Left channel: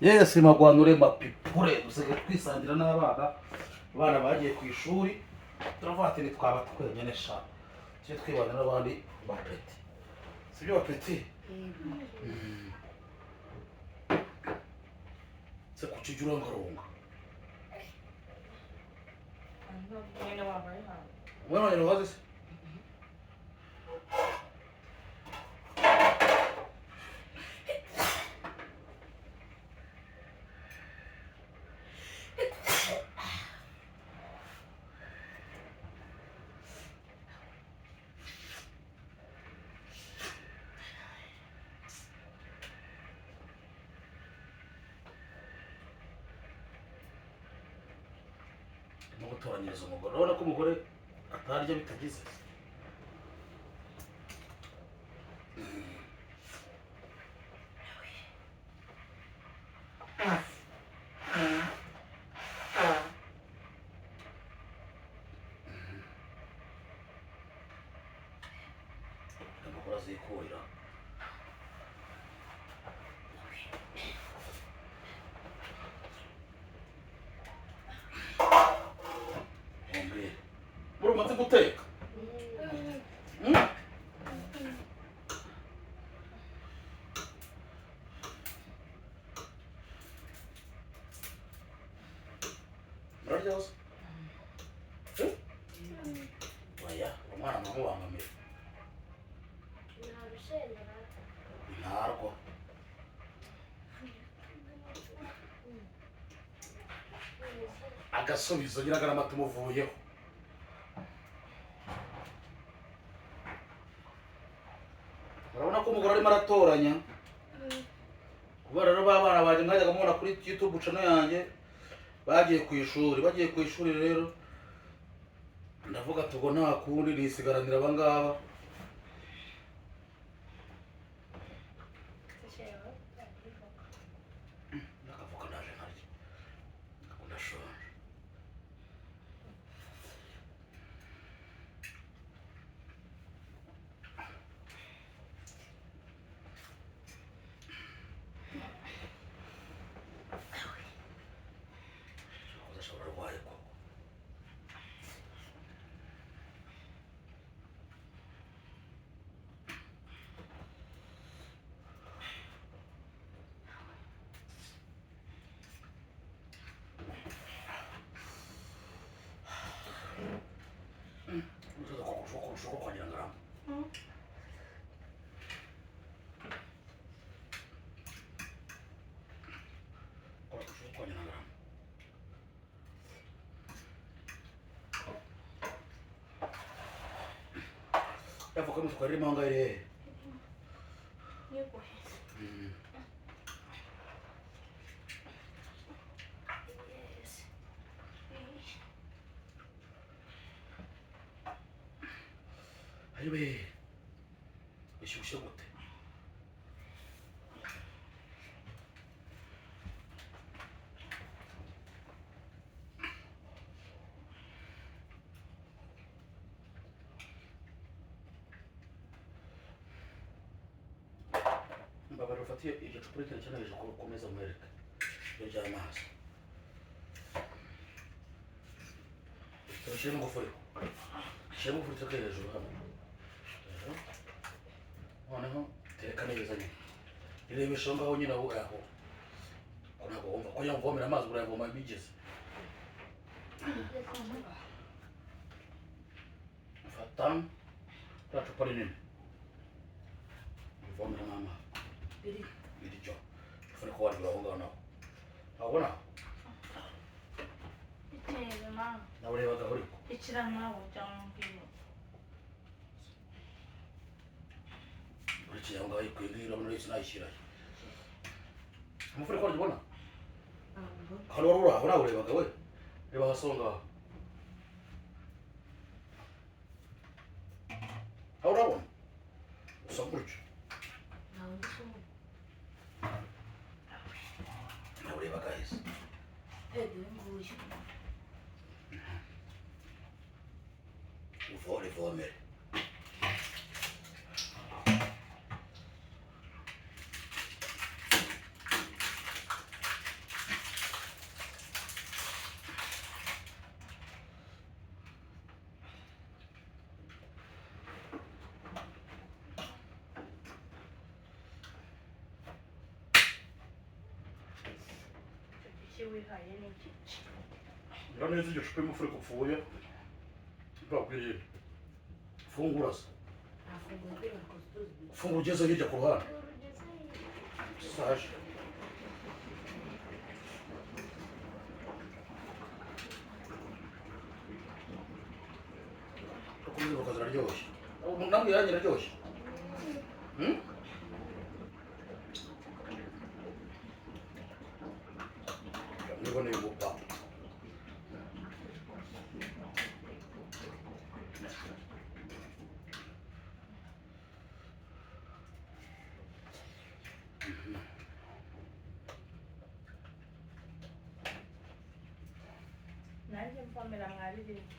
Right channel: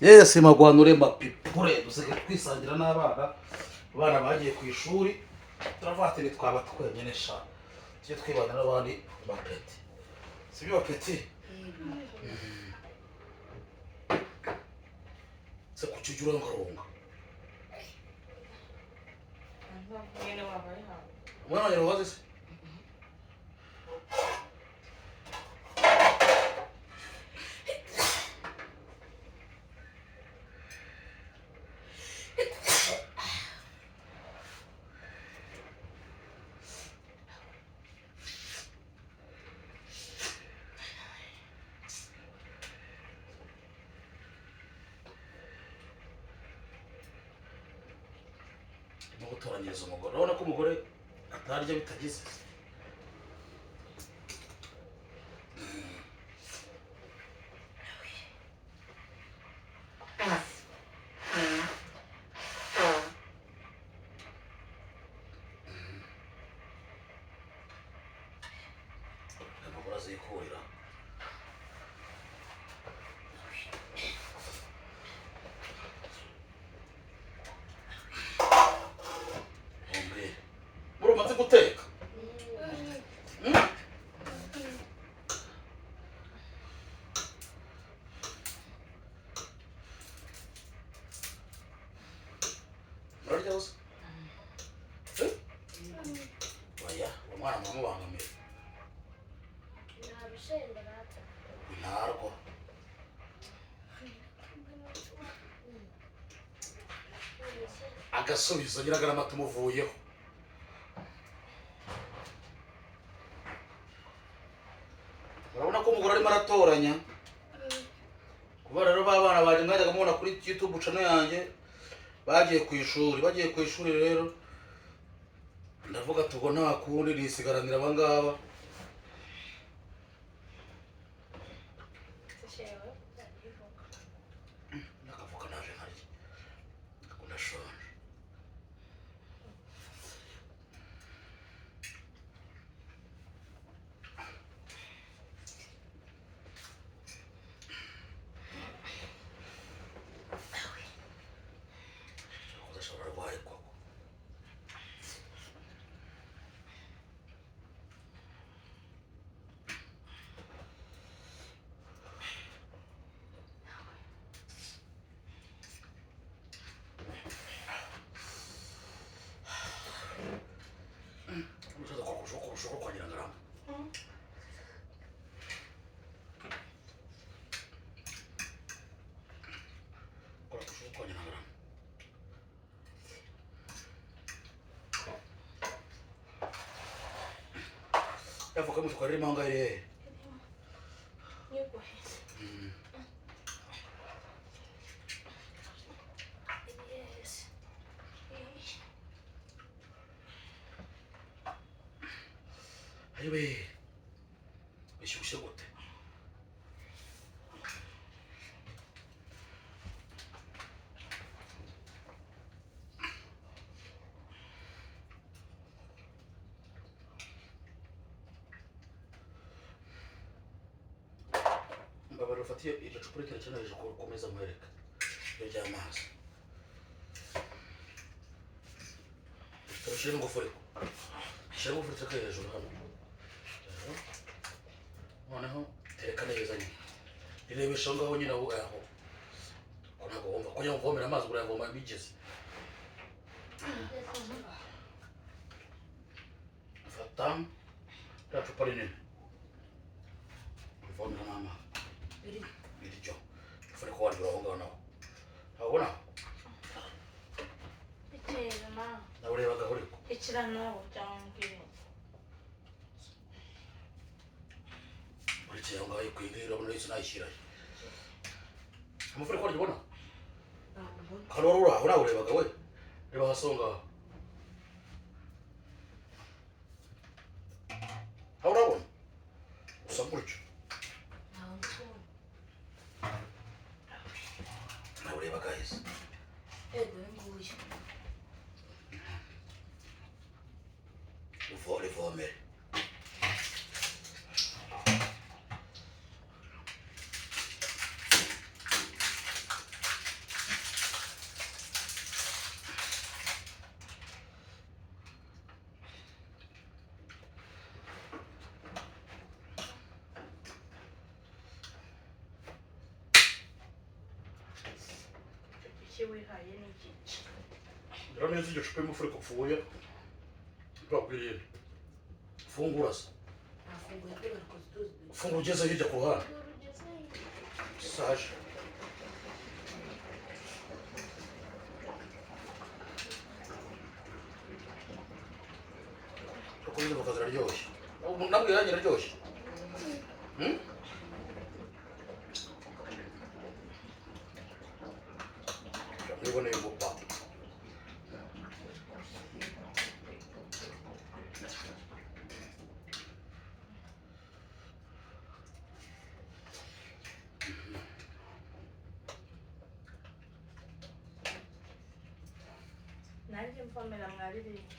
yesi magwanure mapipure duseke twisangira n'abana bagiye ku ishuri turavatire twaba twenyene sha tuje twibana n'abandi bapeti sibyo bapeti se kucijura ngaronga mwene wabaye hano mwana wanjye wazi se no gutoranyiriza umugore urabona ko umugore atarya bitagize amaguru azikurira umaze guteka urarya hose oya umwana mumubangamira ntarwa agasubizo nyiragarama tumuvuyeho urabona ko umugore arimo aratoranya kuba rero babana baje mwajyaga mubona kuri YouTube channel yanjye bagiye ku ishuri rero ndavuga tugo nta kundi nisigaranira abangaba nakavuga naje ntarya ndashonje ushobora kwa Nyirangarama yavuga mu tukarira impanga iri yego ayiwe bishyushye gute mbabara ufatiye iryo cupa rikenekeneje kumeza mwereka ibyo by'amazi turashyiremo ingufuri shyiramo ingufuri tuke hejuru hano noneho tereka neza nyine rirebesha aho ngaho nyine aho aho ntabwo wumva ko nyine uvomera amazi urayavoma bigeze fata rya cupa rinini uvomeramo amazi iryo ufure ko waribura aho ngaho naho urabona bitewe nawe nawe urebaga uriko ikira nawe cyangwa urikira aho ngaho yikwingira urabona yose nayishyirayo amufure ko waribona hano wari uri aho nawe urebaga we reba hasi aho ngaho aho urabona usa gutyo nawe urebaga heza uvomere iki wihaye ni iki Ngira neza iryo cupa y'umufuniko upfuye bakwiriye fungura se fungura ugeze hirya ku ruhande saje kuko izo mboga ziraryoshye namwe yanyu iraryoshye niboneye umupapa nanjye mvomera mwaririmba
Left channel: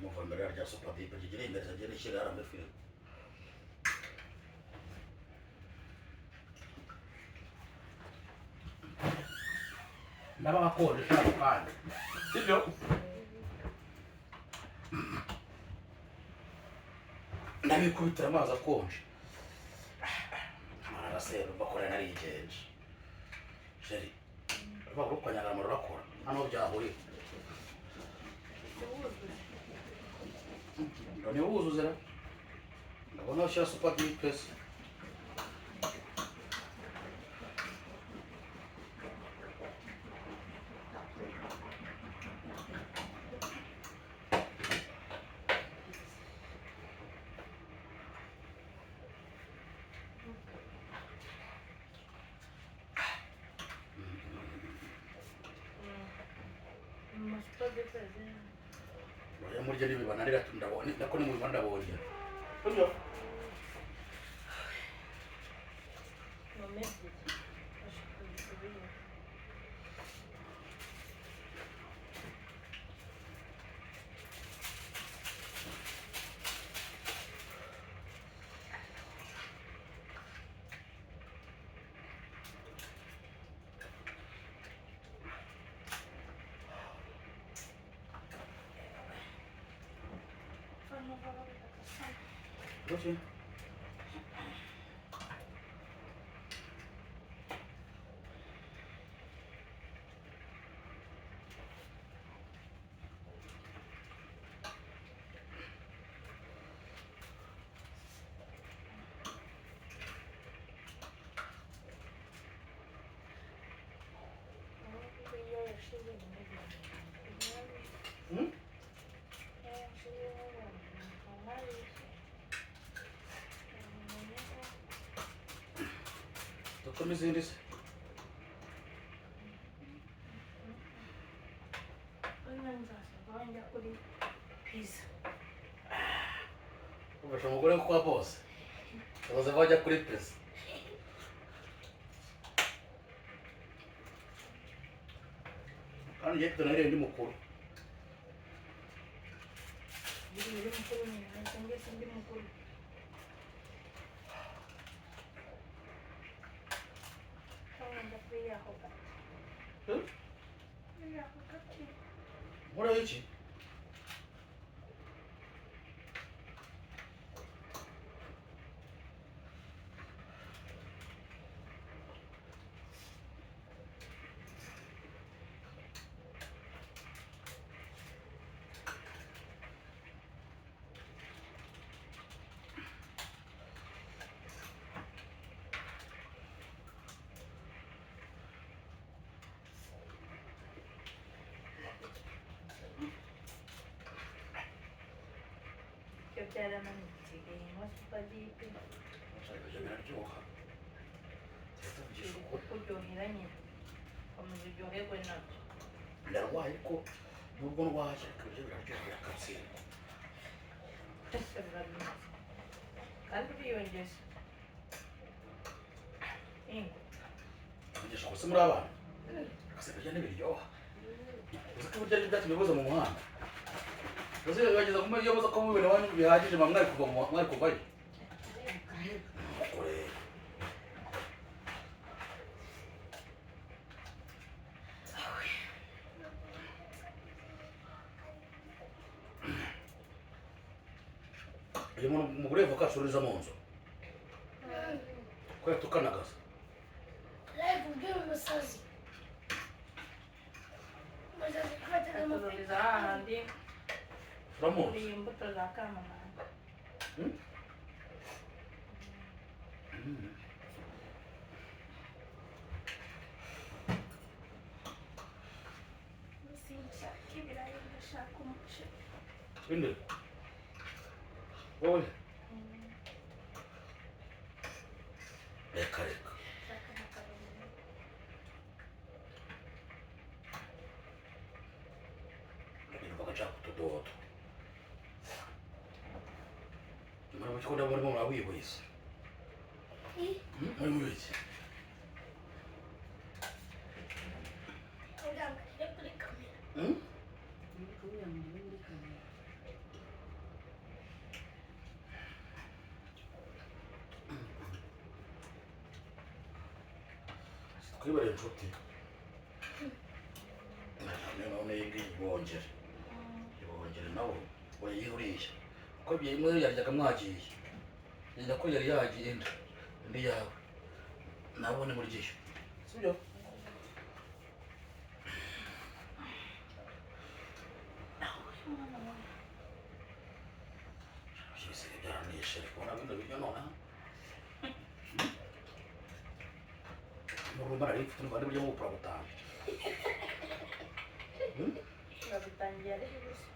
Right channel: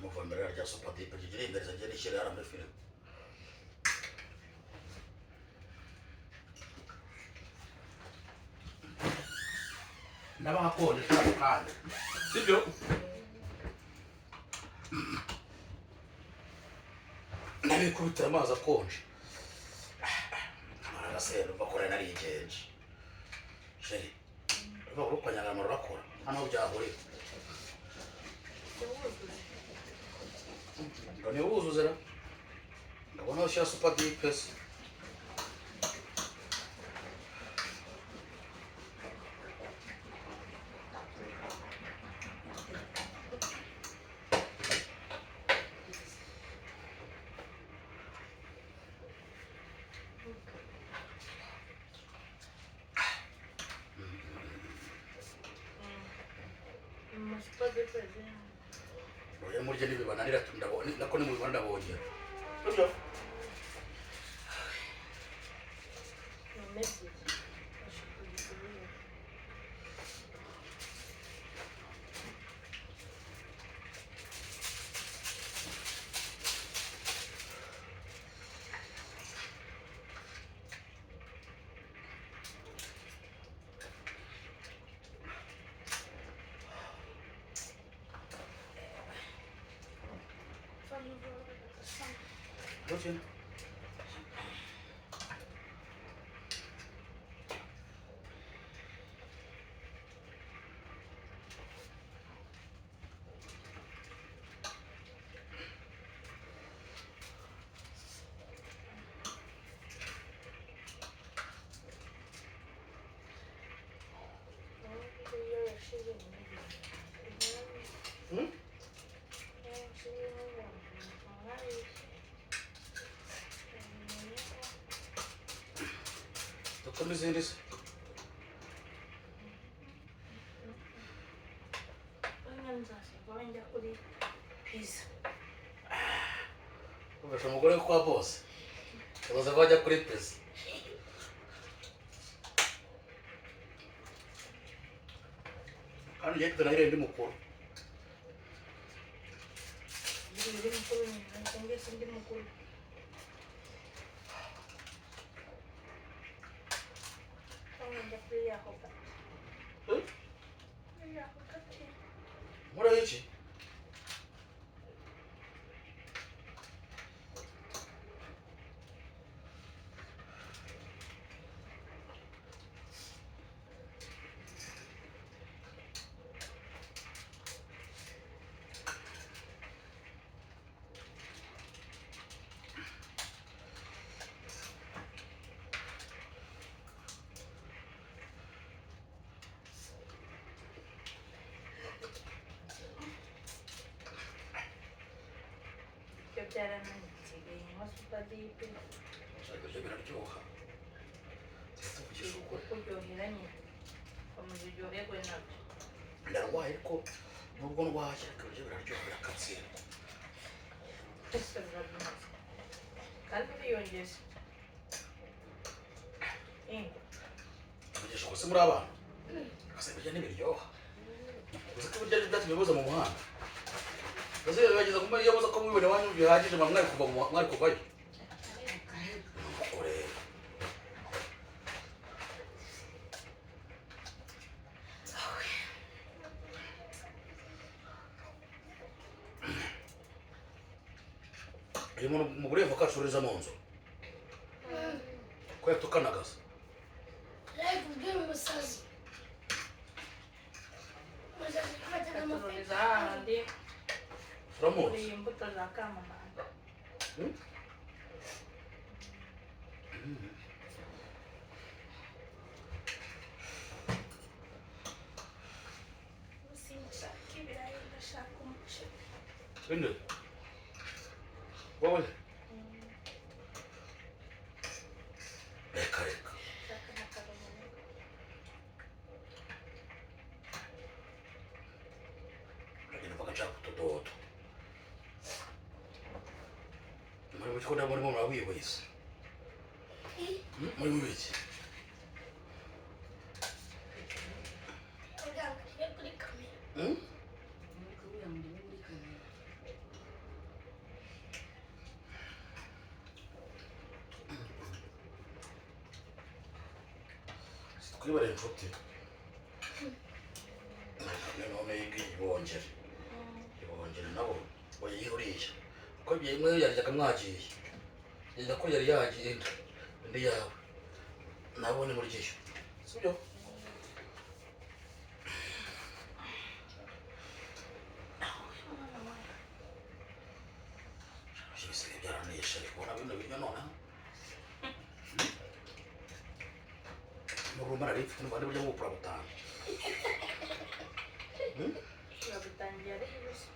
muvomera rya supadipe rigira imbere agenda ishyira hariya muri firigo n'abakonje cyane kandi sibyo nabikubitira amazi akonje amarasero bakora narigenje sheri bakuru kanyagama rurakora hano byahuriye ngo ni wuzuze ra ndabona washyira supadipe se oya murya nibibananira ndabona nako ni mubibona ndabongera sibyo Oye. Come izindi se njya kuri pizza ubasha umugore kwa bose baza bajya kuri pizza kandi yepfo nayo ndi mukuru ndi mukuru Mura iki? byarananitse nka supadipe biraryoha kuryohera nyine komeza uryoherwe nabyo ndarwaye ariko nubwo ndwaye ariko ibyo biraryohera akatsindwa byose biraryoha kandi uriyongeza kugisha gusa muri abana akase birya ntibiryoha uzi ko ibiryo byatumye boza mu muhanda Você vai dizer como eu vou como eu não viaje de mamãe como mãe com vai. Ore. Ele mugure voka shuriza mu nzu. tukanagaza live mbwira umusazi umusazi kubatega Acururiza amafaranga hahandi uramuzi kuri imbuto za kamamanga. sinshaka ibirayi ndashaka umuceri inde wowe reka reka Shaka makaroni. ndagenda bagashaka utudodo muri mu kikunda murimo murabihweza muri mu biki muganga rero kuri kamera twibare inshuti none iyi ngiyi ibongere nabo bayihuriye kuko imwe yaryaga mwagiye yenda ko yari yagiye indi yawe nabone muri gihe sibyo ibisigaye byaranishe kubona bino biryo noneho murumva nari mfite n'ubandi buryo bwo gukura butanu Urabitangiye ari bibisi.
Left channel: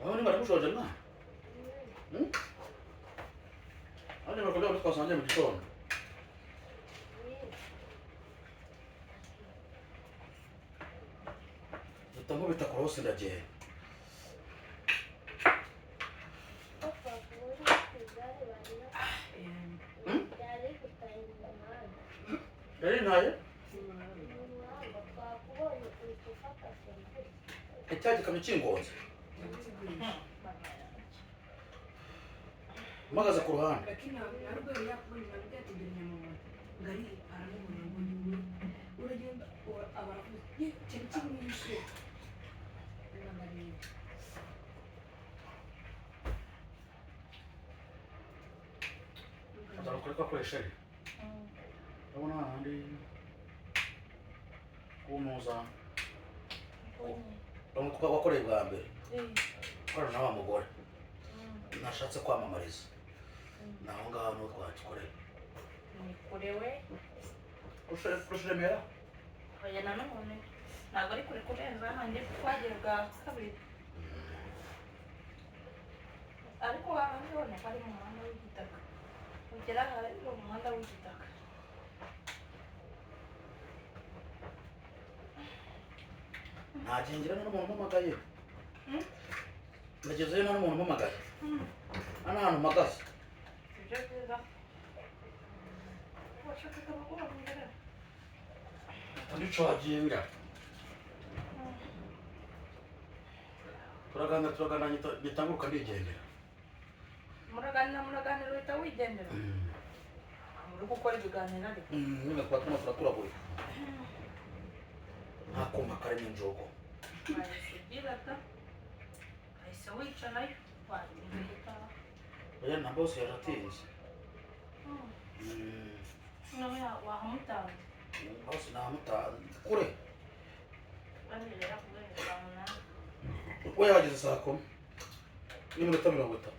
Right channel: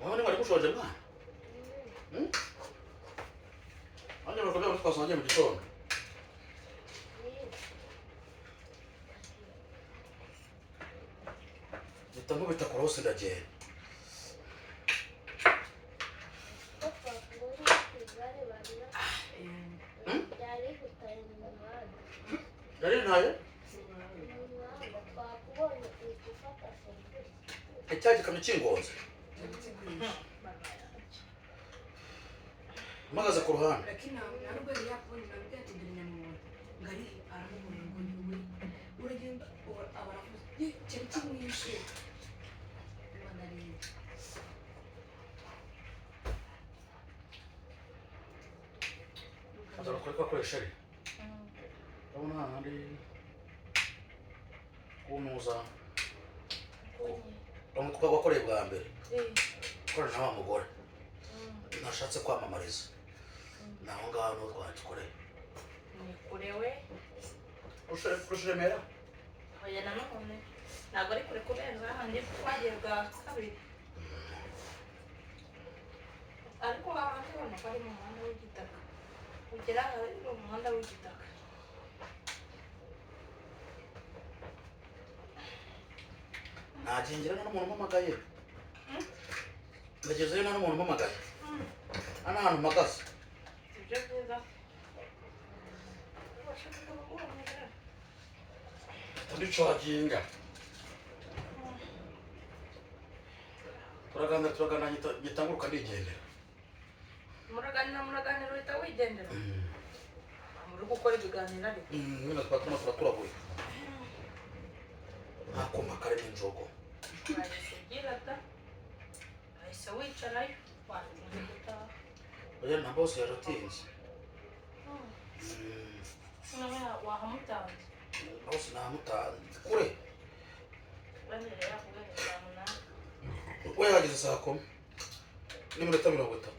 abandi bari mushoje mwana abandi bari kubyara twasangiye mu gitondo mpita nkubita ku ruhu ndagenda papa kubona igare barira byari gutanga umuhanda yari ntaye umuhanda twakubonye uhita ufata serivisi icya gikamyo kingonze mpagaze ku ruhande lakini narugari yakubona nabwo yategeranya mu ngari aramubona ngo ni we uragenda abaravuze ye cyari kimwishe Imana rero nzara kuri gakoresha ari urabona hahandi kunuza urabona ko wakoreye bwa mbere ukorana na wa mugore nashatse kwamamariza naho ngaho n'uwo twagikoreye Ni kure we. kurusha remera Oya nanone ntabwo ari kure kurenza ahandi twagiye bwa kabiri. Ariko ahandi ubona ko ari mu muhanda w'igitaka. Ugera ahari mu muhanda w'igitaka. ntagengira n'umuntu umpamagaye nagezeyo n'umuntu umpamagaye hano hantu mpagaze Ibyo byiza. Washakaga kuhamagara. ndicoginga turagana gitanguruka ndigendera Muraganira uhita wigendera. Muri gukora ibiganiro ariko. nyine twaba turimo turaturagurika nta kuma karimo injogo Ahise ugira ata. Ahise wicarayo. Watinze gutaha. oya na bose yaratinze None wahamutanze. bose namutanze kure Banyere yakubwira cyane nawe. we yageze saa kumi n'iminota 30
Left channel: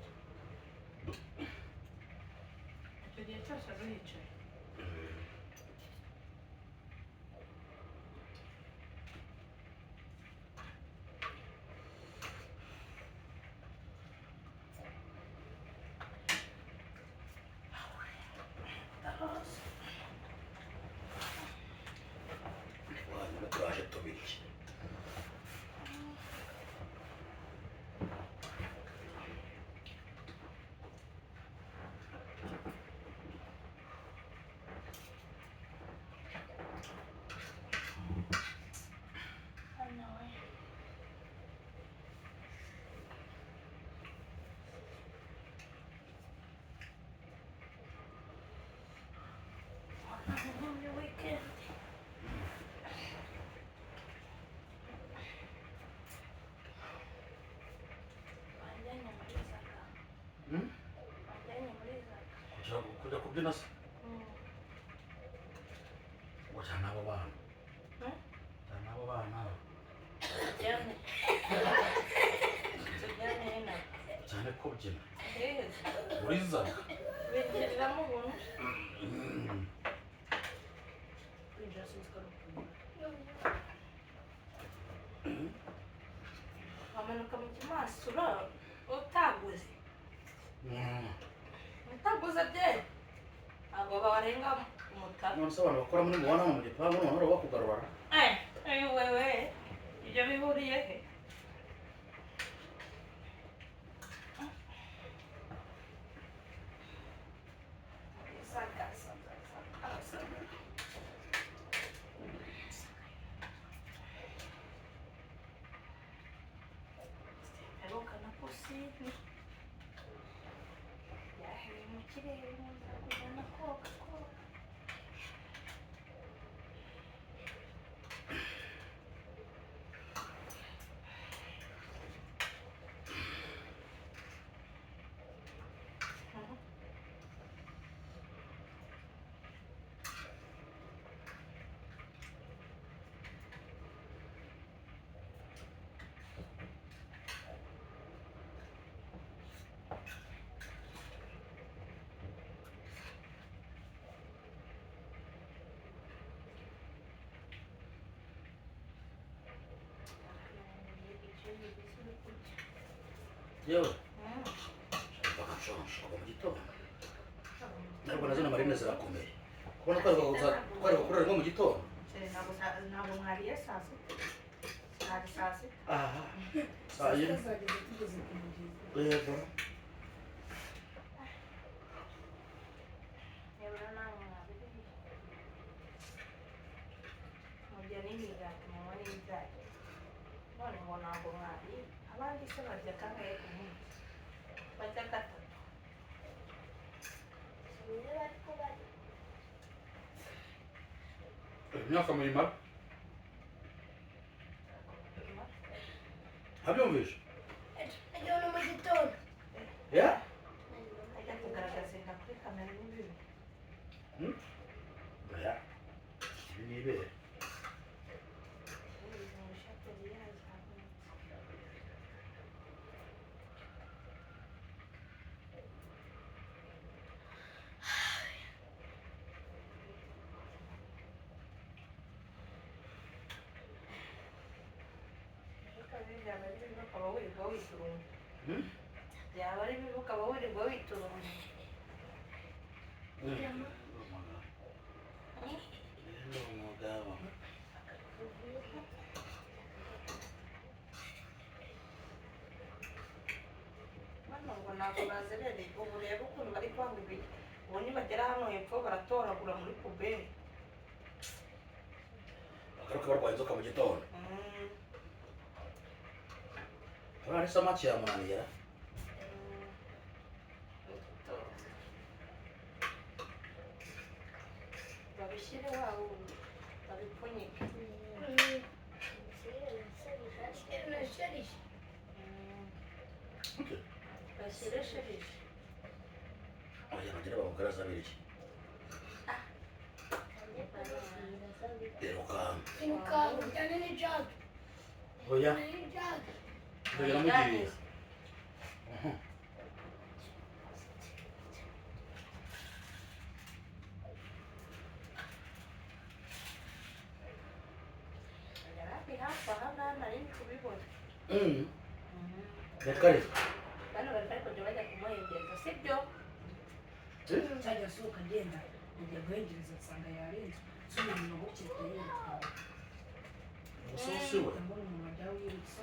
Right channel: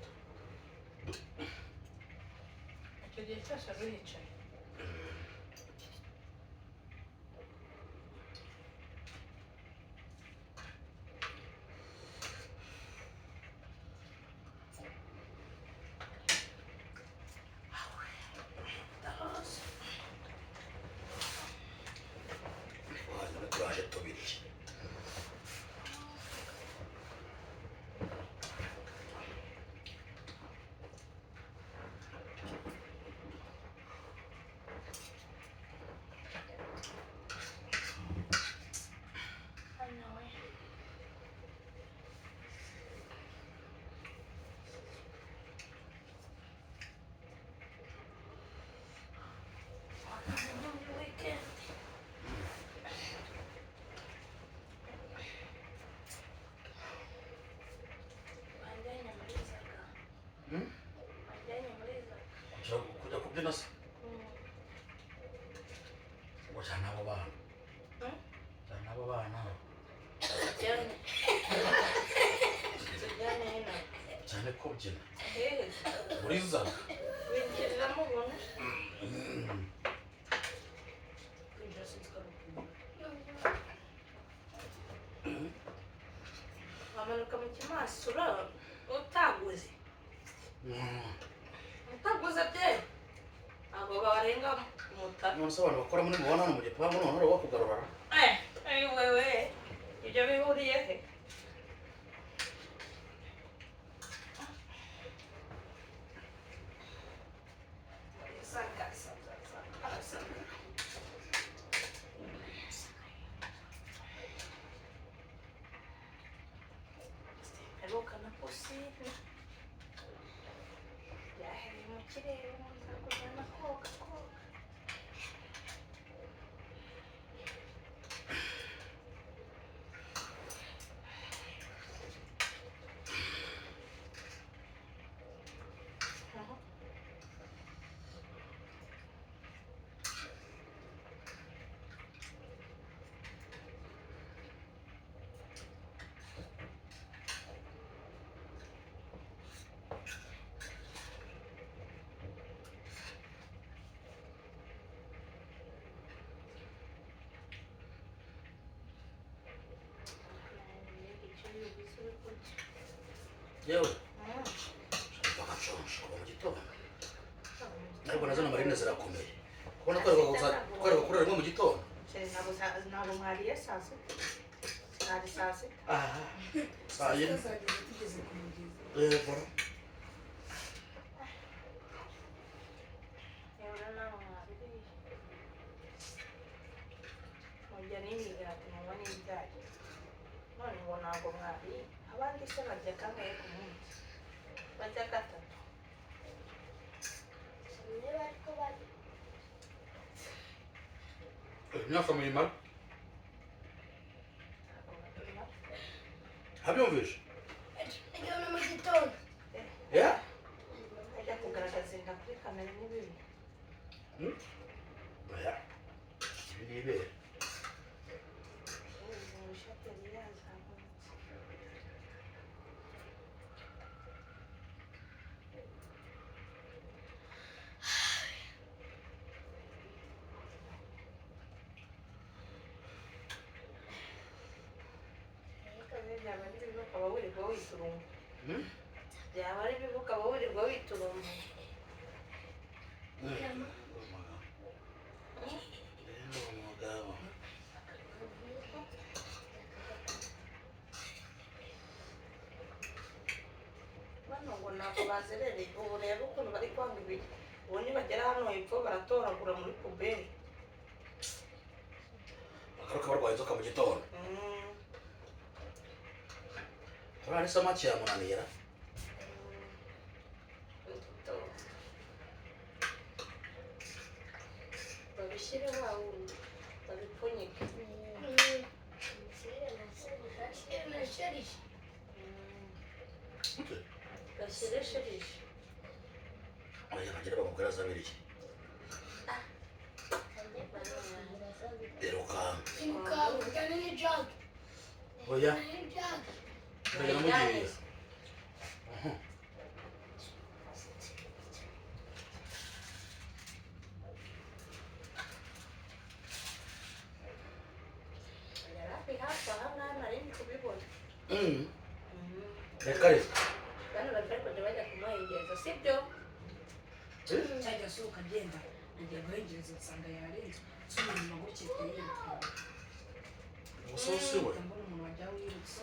Icyo gihe cyose ari yicaye. hanyuma turaje tubirye Hano we. Muri weekend. Wajyanye muri Zaga. Wajyanye muri Zaga. kujya kubyina se uriza binjiriramo ubona kwinjira sinzi ko ari ukuntu wamanuka mu kimasura utaguze bye ntabwo barenga umutara none se abantu bakora muri mubona hano mu gipangu none bakugarura wewe ibyo bihuriye he heruka na posine yahereye mu kirere umuntu kugenda koga yewe bakashonsha mu gitondo ariko nazo na marine zirakomeye kubona ko ari bakorera rimwe mu gitondo ntabwo mwariye saa sita sinari saa sita saa yine tuzagenda tugeze ku mugezi yego nibura nawe mwabiriye murya n'imigati munywa n'ibyayi none ngo ntabwo mwariye abandi se barya kangahe ku munsi barya gatatu niba ariko bari imyaka muyimara habyumvishe ajya no mu gitondo ya ajya kugaragaza inda kuri kamera n'ibibi oya ibi ni ibere ubizi ngo ishapeli yazamutse byaba ari bibi ukaba wirirwa witurumba byaba ari bibi ukaba wirirwa witurumba umugabo bano ngo ntabwo bazerereye ubu reba ukuntu bari kwanga ibiryo ubu nibagera hano hepfo baratoragura muri puberi bagaruka barwaye inzoka mu gitondo urari samaki yamunanira babishyireho aho babipfunyike bashereshereje oya bagera bamubwira azabiriki irukanga oya bagera mugiye yari hafi aha ngaha nari ndi kubibona reka reka bano batari kujya bajya kumuhengeza sibyo cyajya asohoka agenda agiye guhengereza nsanga yarenze nsubira inyuma gutya yerekana umusozi we ndabona umuntu wajya wirutse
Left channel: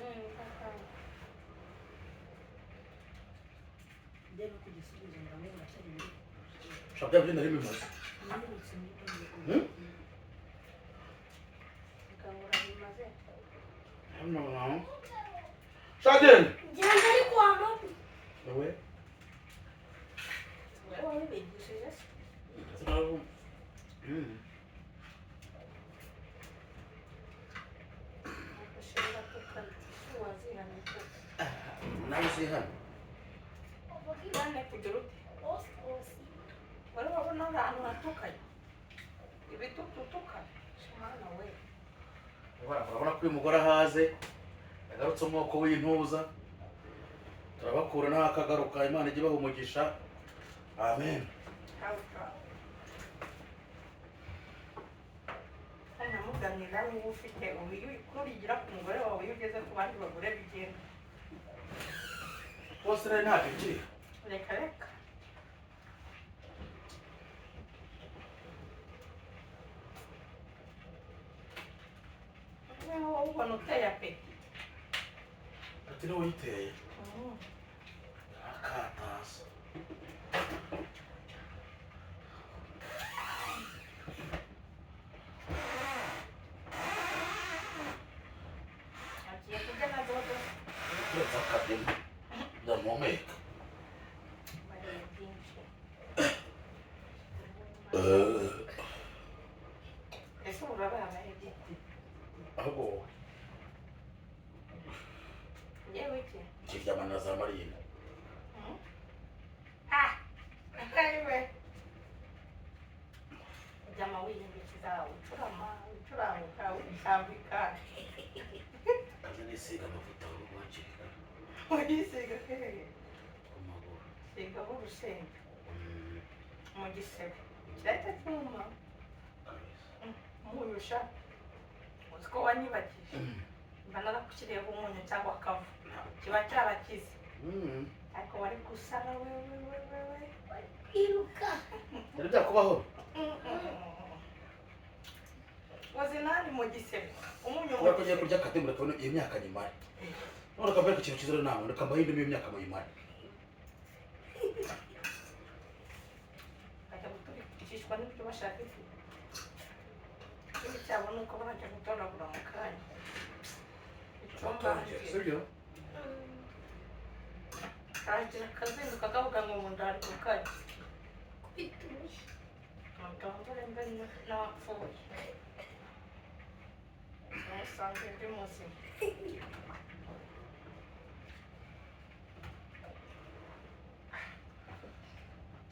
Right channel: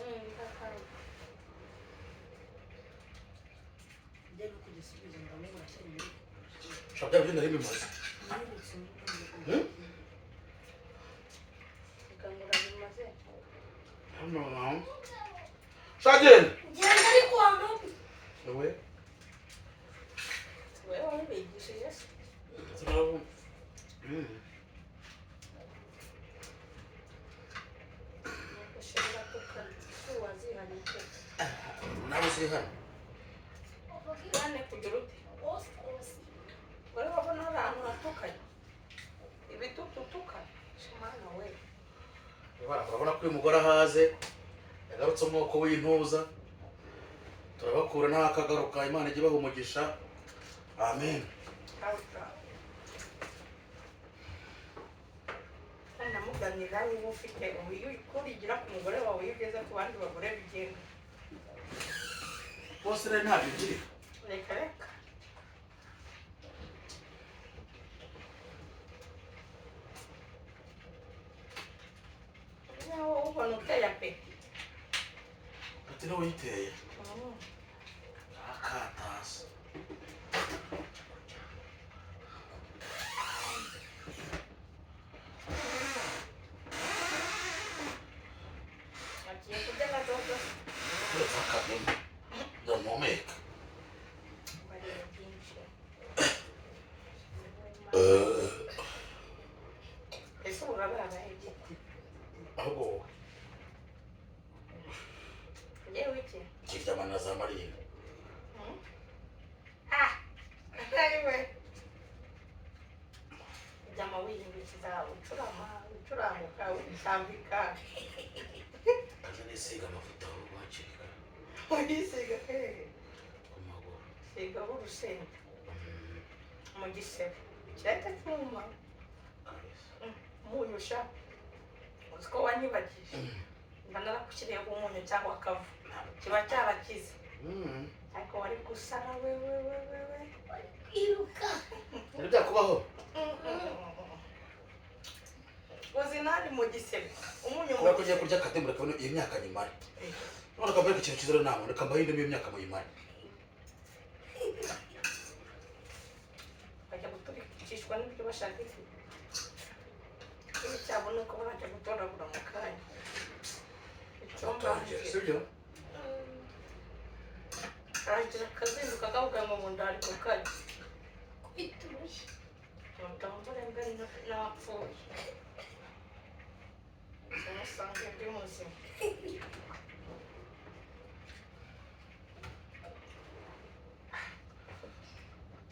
njya no kugisubiza ngo amenye uracyari muri ushobora byaba biri nari bimaze yirutse ikangura bimaze shagenda genda ari kwa mama wowe wowe wabibigishije se ushobora kukazihanira nawe uzi hano bane kugira ute wari wabona ahantu hatukanye ibitutukanye shamana we urabona ko uyu mugore ahaze yagarutse umwoko w'intuza turabakura nta kagaruka imana ijya ibaha umugisha amen. Namuganira uba ufite kurigira ku mugore wawe iyo ugeze ku bandi bagore bigenda Bose rero ntabyo ugira. reka reka niho ubona uteye apeti Ati niwe uyiteye. Akatasi. agiye kurya na dodo Ndetse akaguma. Ndamuhumeka. bariye byinshi ese ubu urabaye igiti Ahubwo yewe iki kiryamana na za Marina. akariwe jama wiyumbikiza ucuranguka witambika Kaza nisiga amavuta aho wakirika. uyisiga hehe Ku maguru. siga urusenda mu gisebe kirahita cyuma umunyu sha uzi ko wanyibagije mba narakushyiriyeho umunyu cyangwa akavu kiba cyarakize ariko wari gusara wewe Iruka. Uri byakubaho? uzi nani mu gisebe umunyu mu Kubera ko ngiye gisebe kurya akatemura kabone iyi myaka nyimara. None kambaye ku kintu kizero namwe reka mbahindemo imyaka muyimara. bajya guturikishwa n'ibyo bashaka ifi ikibi cyabo ni uko bajya gutoragura mu kanya Cyatangiye, sibyo? karangira akazinduka kavuga ngo mu nda ari ku kanya Kuiturushi. mutombore mbe n'abapfuye umusange ndi muzima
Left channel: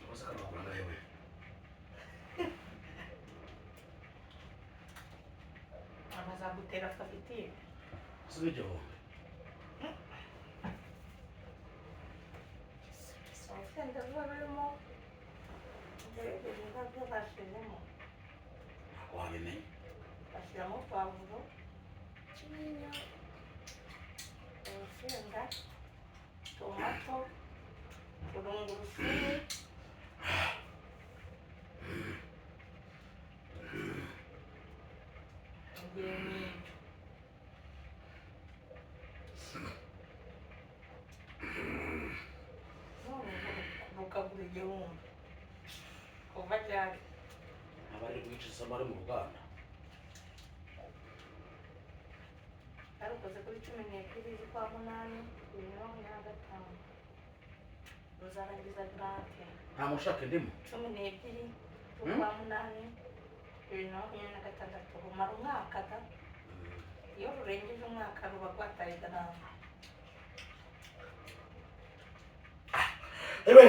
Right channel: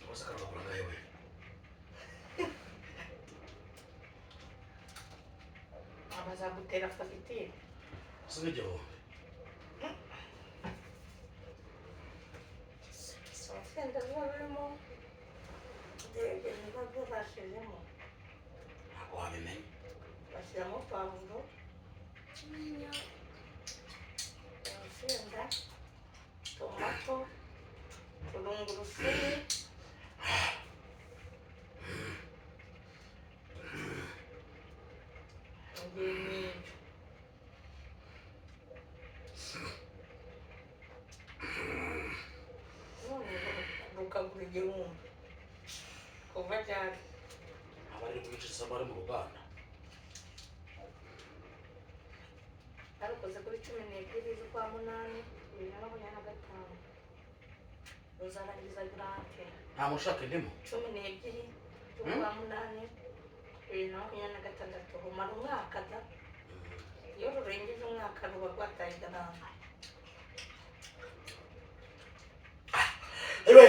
Bose karagura ngayewe. abazagutera fagitire Sibyo? urusenda ruba rurimo ibyo biba byo bashyizemo Ntabwo wabimenye. bashyiramo pavuro Chimenyo. urusenda tomato urungurusumu ibintu rukagura igihumbi kuva ryari Abari kubicisha amare mu ruganda. arukoze kuri 12 z'ukwa munani 2025 ruzarangiza grante Nta mushaka indimu. 12 z'ukwa munani 2026 rumara umwaka da iyo rurengeje umwaka ruba rwataye grante Ewe!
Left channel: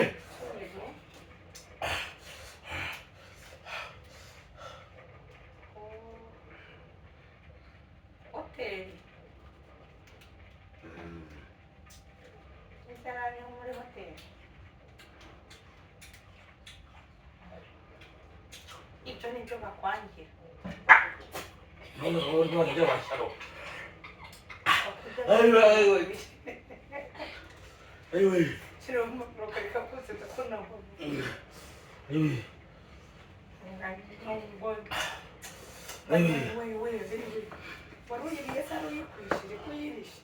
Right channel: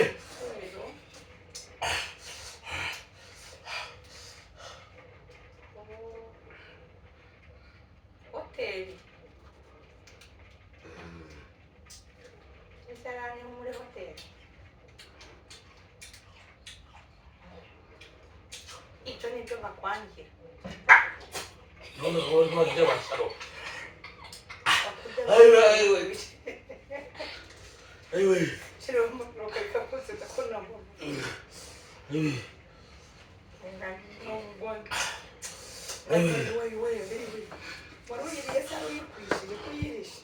hoteli isarani yo muri hoteli icyo nibyo bakwangira None wowe ntwajya basaro. Ewe! shyiraho amapuro karikakuze ndakunda ngo Ewe! wari uyiriye se ari uyikwishije ko uyirishe